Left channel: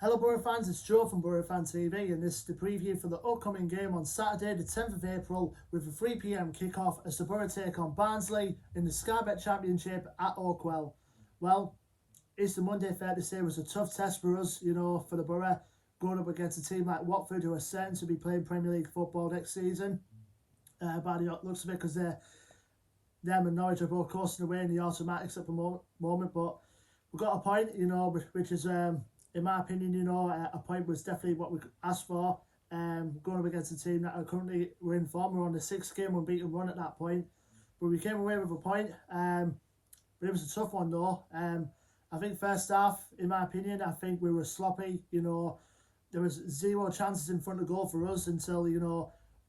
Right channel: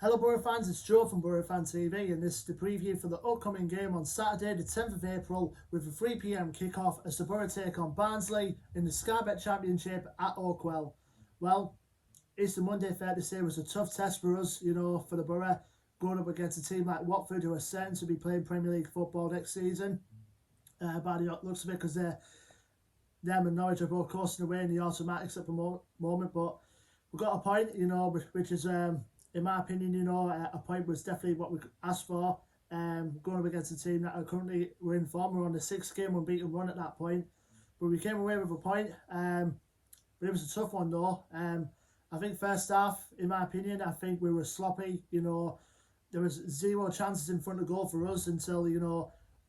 Hello Boro fans, it's Joe from Boro Fan TV and this is the preview for the upcoming game on Saturday the 10th of April with a 3 PM kickoff as the Boro take on Barnsley in the Sky Bet Championship at Oakwell. Well, Easter Monday, fair to say, was a tough test for us, for the Boro, going up against a team like Watford who are certain to be playing Premier League football next season. By the looks of it, because them and Norwich are both coasting away in the automatics at the moment, but we've got a point, which is... in my opinion, a point was definitely what we asked for. Going up against a team that are currently we're in form, we're on the 6th game unbeaten run at that point, but we came away with a point. But it was a tough one though. I think first half, in my opinion, I think we were sloppy. There was zero chances in front of goal for us until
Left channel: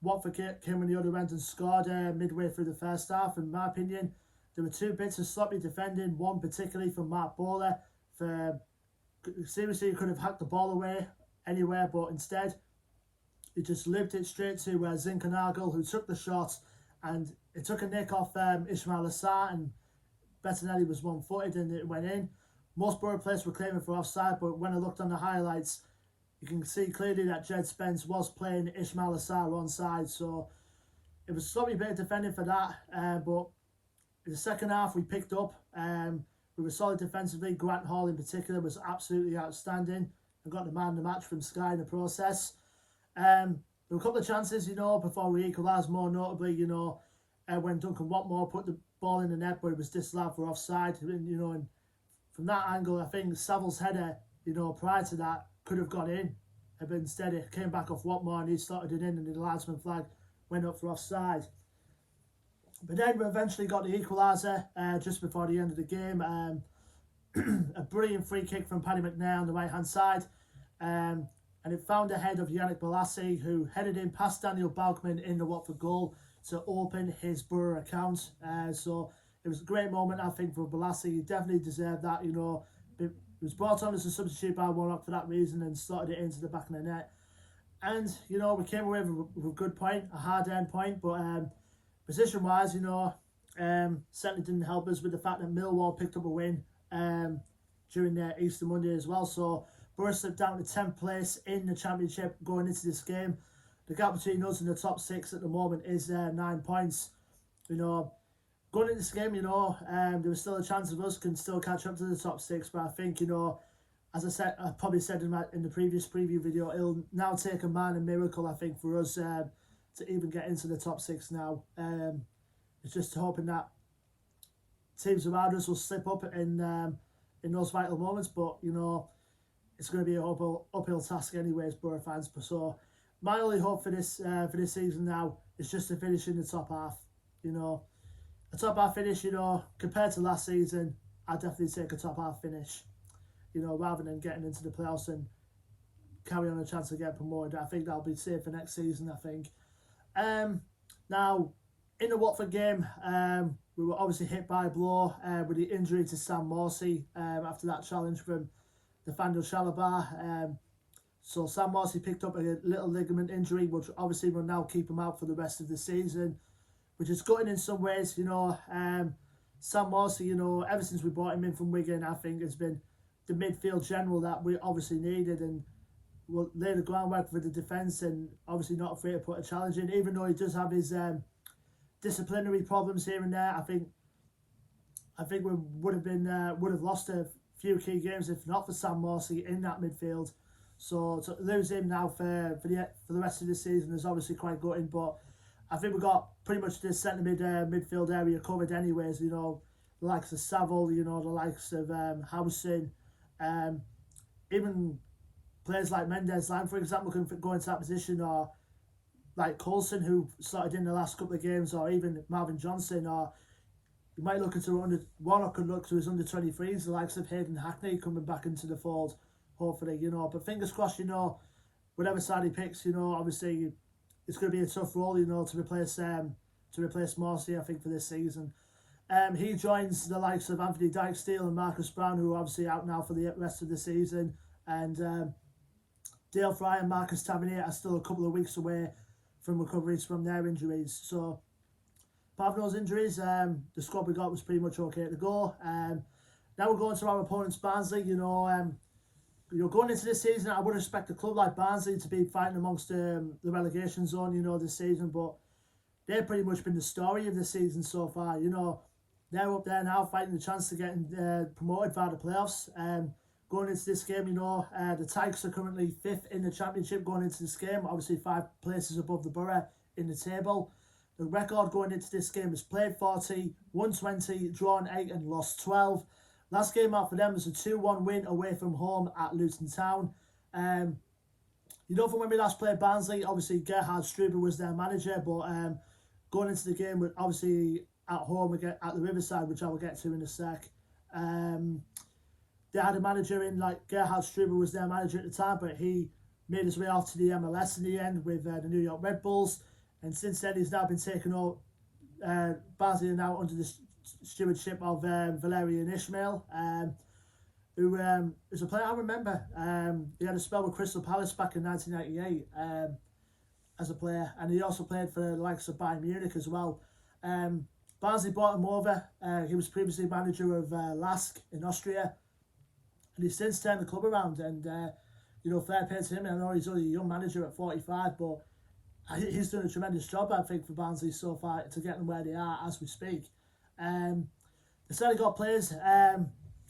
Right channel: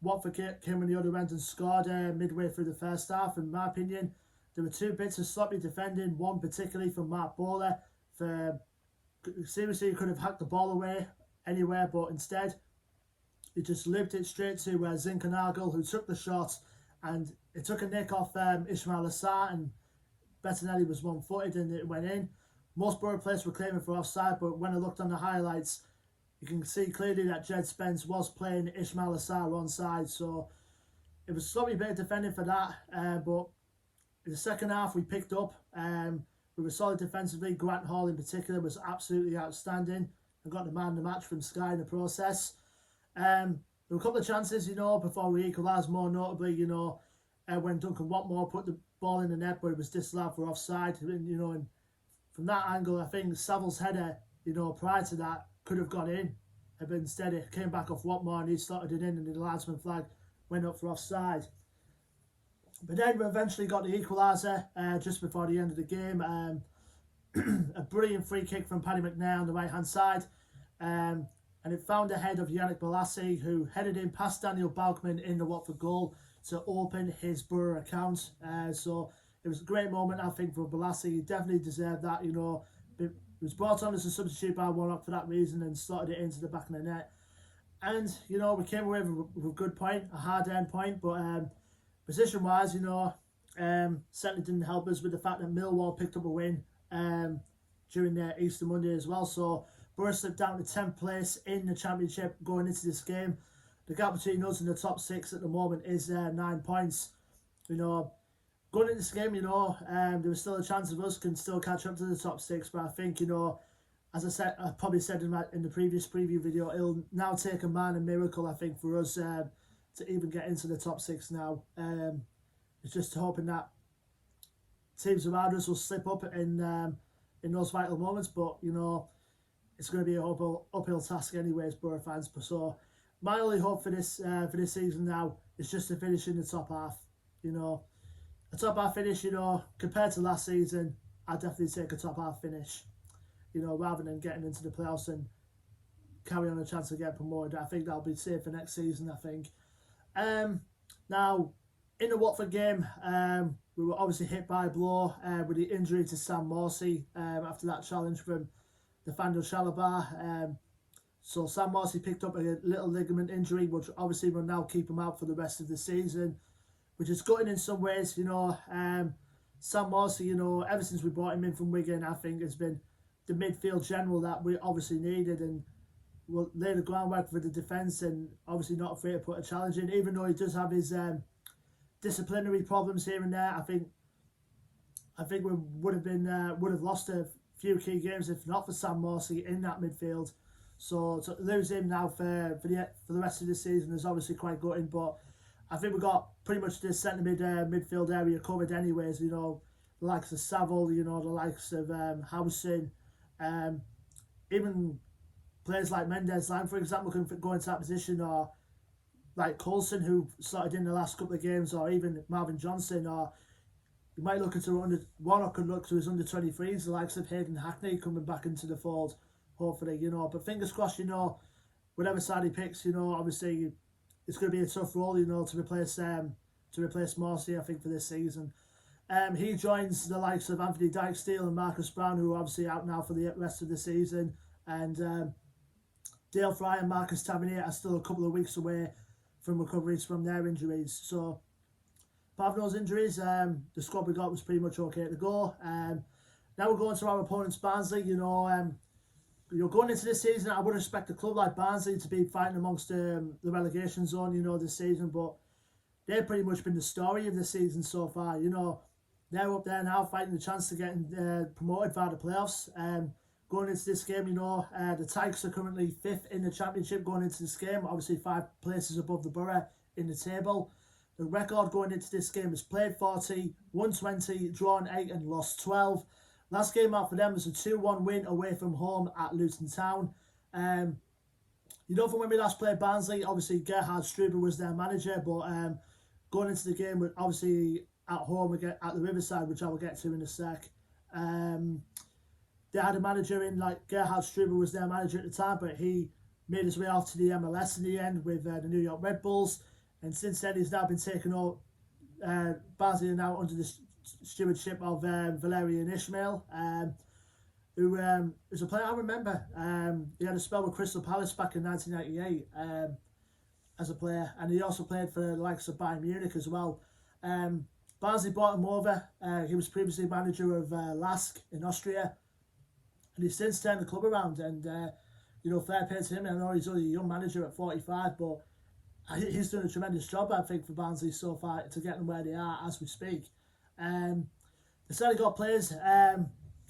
Watford came on the other end and scored midway through the first half. In my opinion, there were two bits of sloppy defending. One particularly from Mark Bowler for. Seriously, he could have hacked the ball away anywhere, but instead he just looped it straight to Zinkernagel, who took the shot, and it took a nick off Ismail Assar, and Bettinelli was one-footed and it went in. Most Boro players were claiming for offside, but when I looked on the highlights, you can see clearly that Jed Spence was playing Ismail Assar onside, so it was a sloppy bit of defending for that, but in the second half we picked up. We were solid defensively. Grant Hall in particular was absolutely outstanding and got the man of the match from Sky in the process. There were a couple of chances, before we equalised, more notably, when Duncan Watmore put the ball in the net, but it was disallowed for offside. And from that angle, I think Saville's header, prior to that, could have got in. But instead it came back off Watmore and he slotted it in and the linesman flag went up for offside. But then we eventually got the equaliser just before the end of the game. A brilliant free kick from Paddy McNair on the right hand side. And it found the head of Yannick Bolasie, who headed in past Daniel Balkman in the Watford goal to open his Boro account. So it was a great moment, I think, for Bolasie. He definitely deserved that. He was brought on as a substitute by Warnock for that reason and slotted it into the back of the net. And, we came away with a good point, a hard-earned point, but... position-wise, certainly didn't help us with the fact that Millwall picked up a win during their Easter Monday as well. So Boro slipped down to 10th place in the Championship going into this game. The gap between us and the top 6 at the moment is 9 points. Going into this game, there was still a chance of us can still catch up to the top 6. But I think, as I said, I probably said in the previous preview video, it'll now take a man, a miracle, I think, for us to even get into the top 6 now. It's just hoping that teams around us will slip up in those vital moments, but it's going to be an uphill task anyways, Boro fans. So my only hope for this season now is just to finish in the top half. A top half finish, compared to last season, I'd definitely take a top half finish, rather than getting into the playoffs and carry on a chance to get promoted. I think that'll be safe for next season, I think. Now, in the Watford game, we were obviously hit by a blow with the injury to Sam Morsey after that challenge from Nathaniel Shalabar. So Sam Morsey picked up a little ligament injury, which obviously will now keep him out for the rest of the season, which is gutting in some ways. Sam Morsey, ever since we brought him in from Wigan, I think has been the midfield general that we obviously needed, and will lay the groundwork for the defence, and obviously not afraid to put a challenge in, even though he does have his disciplinary problems here and there. I think we would have lost a few key games if not for Sam Morsey in that midfield. So to lose him now for the rest of the season is obviously quite gutting. But I think we got pretty much this centre midfield area covered anyways. The likes of Saville, the likes of Howson, even players like Mendes Lang, for example, can go into that position, or like Coulson, who started in the last couple of games, or even Marvin Johnson, or you might look into Warnock could look to his under-23s, the likes of Hayden Hackney coming back into the fold, hopefully, But fingers crossed, whatever side he picks, obviously it's going to be a tough role, to replace Morsey, I think, for this season. He joins the likes of Anthony Dykes-Steele and Marcus Brown, who are obviously out now for the rest of the season, and Dale Fry and Marcus Tavernier are still a couple of weeks away from recoveries from their injuries. So, apart from those injuries, the squad we got was pretty much okay to go. Now we're going to our opponents, Barnsley. going into this season, I would expect a club like Barnsley to be fighting amongst the relegation zone, this season, but they've pretty much been the story of the season so far. They're up there now fighting the chance to getting promoted via the playoffs. Going into this game, the Tykes are currently 5th in the championship going into this game, obviously 5 places above the Boro in the table. The record going into this game is played 40, won 20, drawn 8 and lost 12. Last game out for them was a 2-1 win away from home at Luton Town. From when we last played Barnsley, obviously Gerhard Struber was their manager, but going into the game with obviously at home again at the Riverside, which I will get to in a sec. They had a manager in, like Gerhard Struber was their manager at the time, but he made his way off to the MLS in the end with the New York Red Bulls, and since then he's now been taken over. Barnsley are now under the stewardship of Valerian Ismail, who is a player I remember. He had a spell with Crystal Palace back in 1998 as a player, and he also played for the likes of Bayern Munich as well. Barnsley bought him over. He was previously manager of Lask in Austria, and he's since turned the club around, and fair play to him. I know he's only a young manager at 45, but he's done a tremendous job, I think, for Barnsley so far to get them where they are as we speak. They certainly got players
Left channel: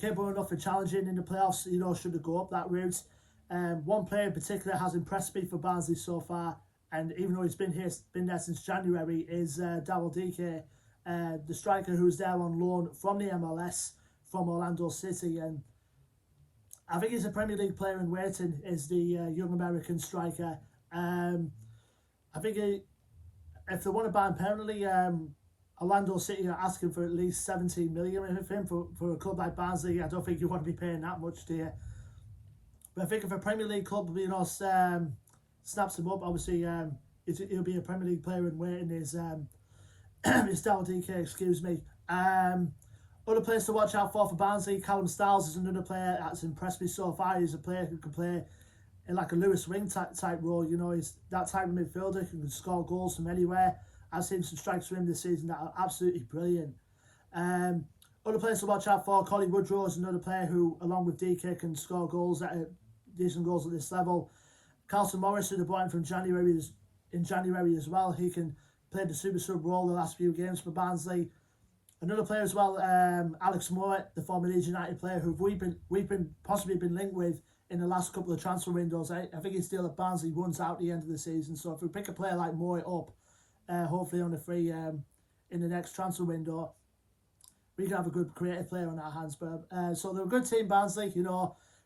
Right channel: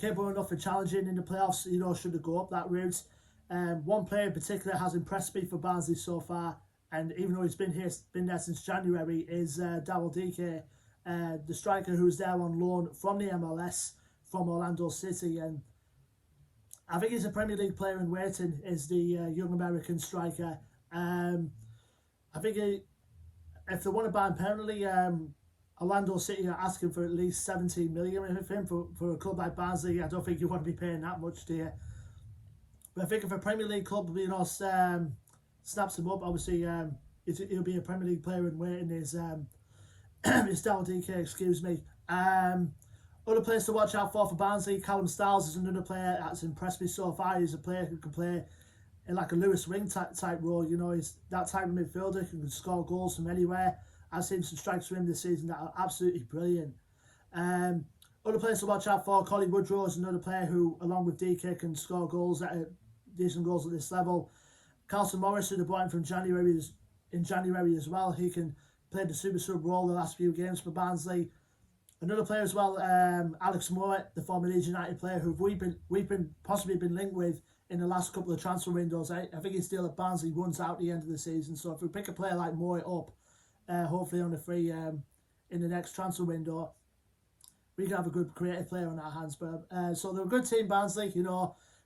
capable enough for challenging in the playoffs, should they go up that route. One player in particular has impressed me for Barnsley so far, and even though he's been there since January, is Daryl Dike, the striker who's there on loan from the MLS, from Orlando City. And I think he's a Premier League player in waiting, is the young American striker. I think if they want to buy him permanently, Orlando City are asking for at least 17 million of him for a club like Barnsley. I don't think you want to be paying that much, do you? But I think if a Premier League club, snaps him up, obviously he'll be a Premier League player in waiting. Is Daryl Dike, excuse me. Other players to watch out for Barnsley, Callum Styles is another player that's impressed me so far. He's a player who can play in like a Lewis Wing type role. He's that type of midfielder who can score goals from anywhere. I've seen some strikes from him this season that are absolutely brilliant. Other players to watch out for, Collie Woodrow is another player who, along with DK, can score goals decent goals at this level. Carlton Morris, who they brought in from January as well, he can play the super sub role the last few games for Barnsley. Another player as well, Alex Moore, the former Leeds United player, who we've possibly been linked with in the last couple of transfer windows. I think he's still at Barnsley runs out at the end of the season. So if we pick a player like Moore up, hopefully on a free in the next transfer window, we can have a good creative player on our hands. But so they're a good team, Barnsley.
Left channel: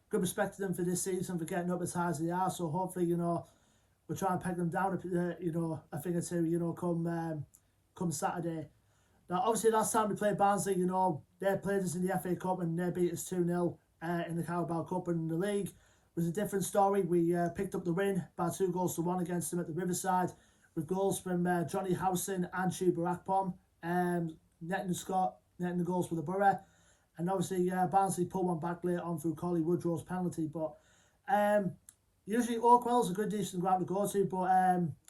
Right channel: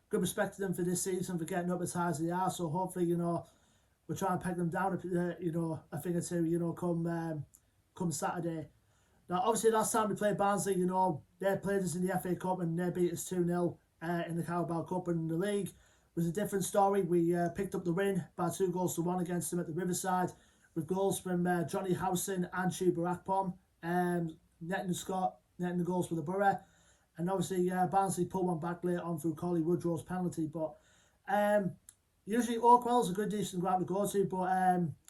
Good respect to them for this season for getting up as high as they are. So hopefully, we'll try and peg them down, a thing or two, come Saturday. Now, obviously, last time we played Barnsley, they played us in the FA Cup and they beat us 2-0 in the Carabao Cup, and the league was a different story. We picked up the win by 2-1 against them at the Riverside, with goals from Johnny Howson and Chuba Akpom, netting the goals for the Boro. And obviously, Barnsley pulled one back later on through Collie Woodrow's penalty. But usually Oakwell is a good, decent ground to go to, but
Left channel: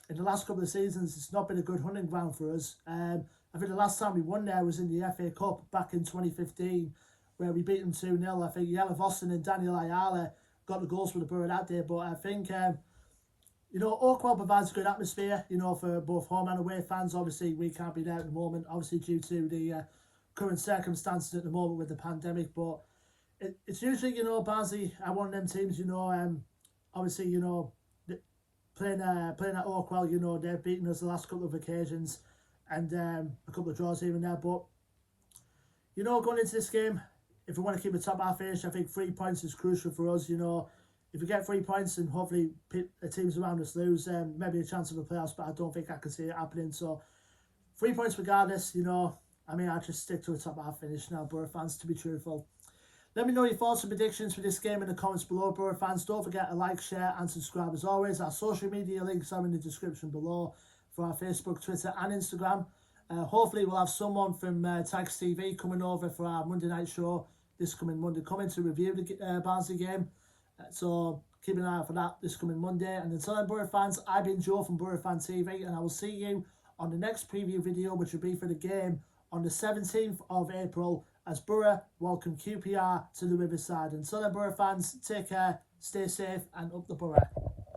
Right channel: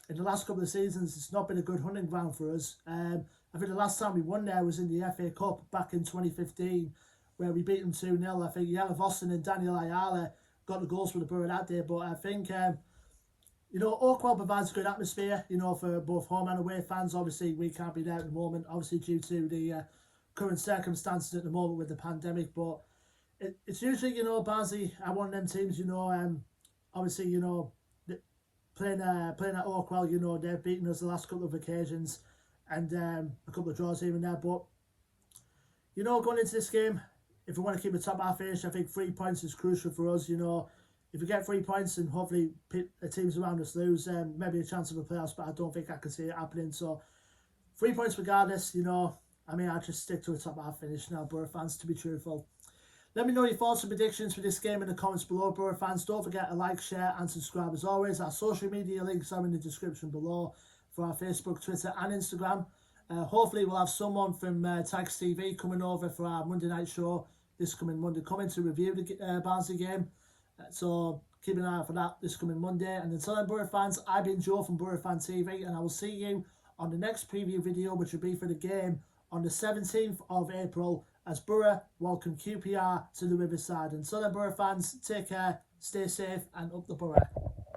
in the last couple of seasons, it's not been a good hunting ground for us. I think the last time we won there was in the FA Cup back in 2015, where we beat them 2-0. I think Jelle Vossen and Daniel Ayala got the goals for the Boro that day. But I think, Oakwell provides a good atmosphere, for both home and away fans. Obviously, we can't be there at the moment, obviously due to the current circumstances at the moment with the pandemic. But it's usually, Barnsley are one of them teams, obviously, playing at Oakwell, they've beaten us the last couple of occasions, and a couple of draws here and there. But, going into this game, if we want to keep the top half finish, I think 3 points is crucial for us. If we get 3 points and hopefully the teams around us lose, maybe a chance of a playoffs, but I don't think I can see it happening. So 3 points regardless, I'll just stick to a top half finish now, Boro fans, to be truthful. Let me know your thoughts and predictions for this game in the comments below, Boro fans. Don't forget to like, share and subscribe as always. Our social media links are in the description below for our Facebook, Twitter and Instagram. Hopefully we'll have someone from Tykes TV coming over for our Monday night show this coming Monday, coming to review the Barnsley game. So keep an eye out for that this coming Monday. And until then, Boro fans, I've been Joe from Boro Fan TV, and I will see you on the next preview video, which will be for the game on the 17th of April as Boro welcome QPR to the Riverside. And so then, Boro fans, take care, stay safe and up the Borough.